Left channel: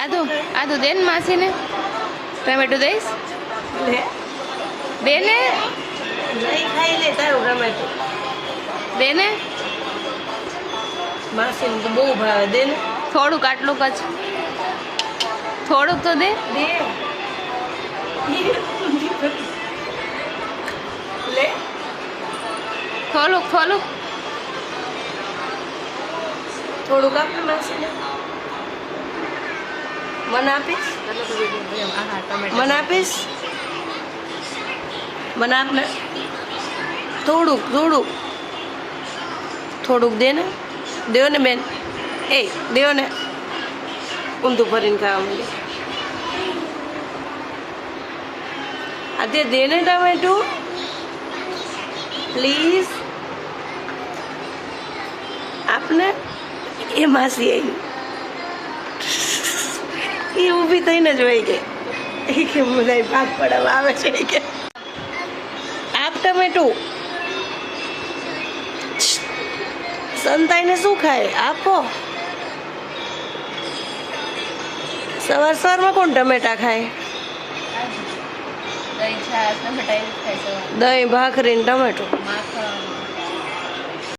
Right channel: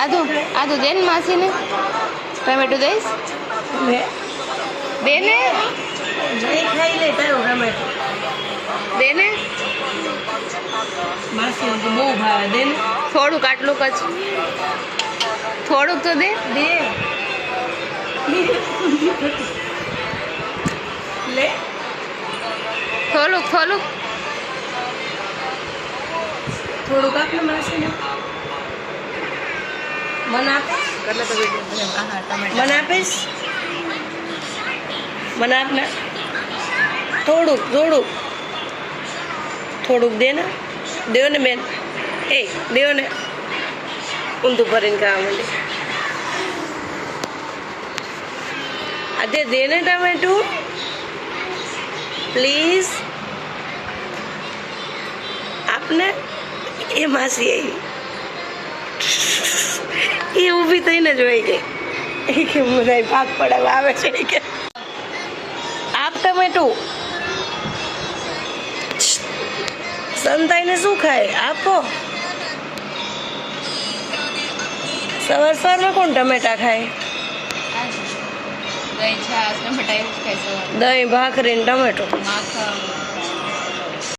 આદુ દે ને માસીને ટમેટો દઈશ દે ને નહીં ખાઈ લે તારું ટમેટો દે ને માસીને તો બહુ ભાવે દે ને થોડુંક આટલું જ થોડુંક તો દે દે લે થોડુંક થોડુંક આપે માસીને મને આપીશ કેટલા તો વિડીયો હા ટમેટો મને આપીશ મને આપને થોડુંક દે ને દેવો ને બેન એ દેવો ને ઊંધું ભરીને ખાવા માંડે આજે દે ને ટમેટું પ્લીઝ આપને એ માસી આવી એ ઊભી થઈને જોઈ ગઈ એ કે મને ભાગ પડાવવા આવે છે કે આપ ટમેટું સંતાઈને શું ખાય આપો સવારમાં કોણ ટમેટા ખાય દહીં છાશ ટમેટા એવું જ ખાઈ સવાર દહીં ભાખરી ને ટમેટો માખણ